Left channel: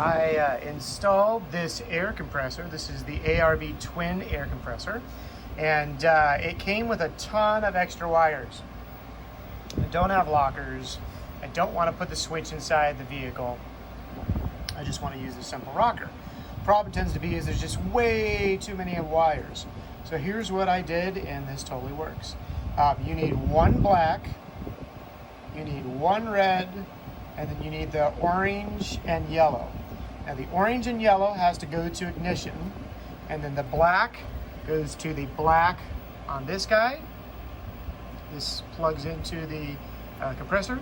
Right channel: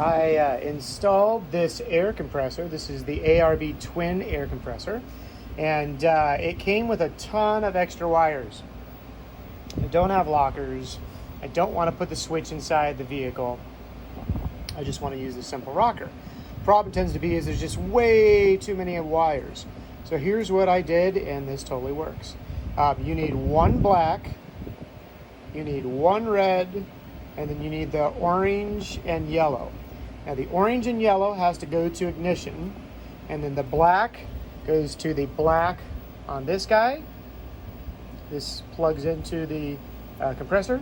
I installed this air compressor. This is the ARB Twin Air Compressor, and it came with a ton of extra wires. I don't have lockers. I don't want to put the switch inside the vehicle. I just want to use the simple rocker. Problem tends to be is there's just way too many wires. So here's what I did, and this totally works. You need one black, you need one red, and then you need the orange and yellow. Now the orange and yellow has to go to ignition, and then the black goes to the black on this guy. This plugs into the compressor.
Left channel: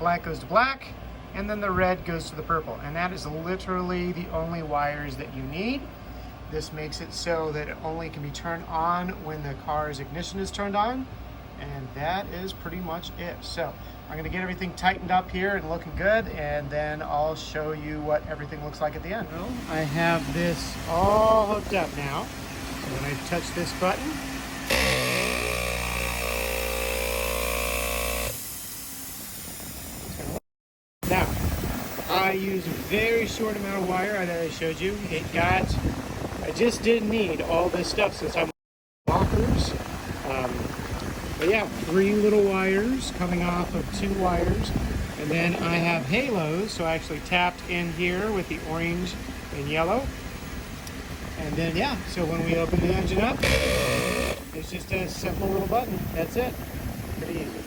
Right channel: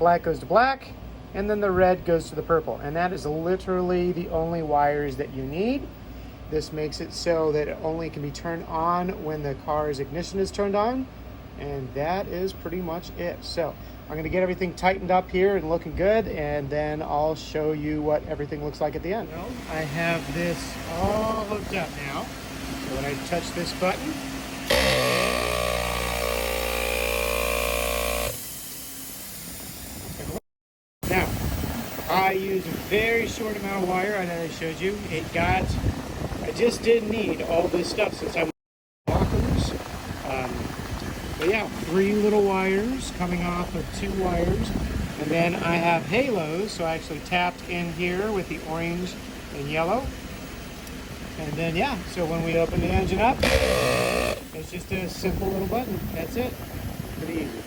Black goes to black, and then the red goes to the purple. And that is literally the only wires that you need. This makes it so that it only can be turned on when the car's ignition is turned on. And that is pretty much it. So I'm gonna get everything tightened up here and looking good, and then I'll show you what everything looks like at the end. Well, I have this all hooked up now. So when I touch this button, now, I use a very short amount of wire that I showed you. I just didn't need all this stuff since I'm lockers. But yeah, 3 little wires coming off of 2 wires. And then I have halos, so I actually tapped in here with the orange and yellow. And then yeah, so when we open the engine up, it's just a simple little button. That's it. Pretty easy.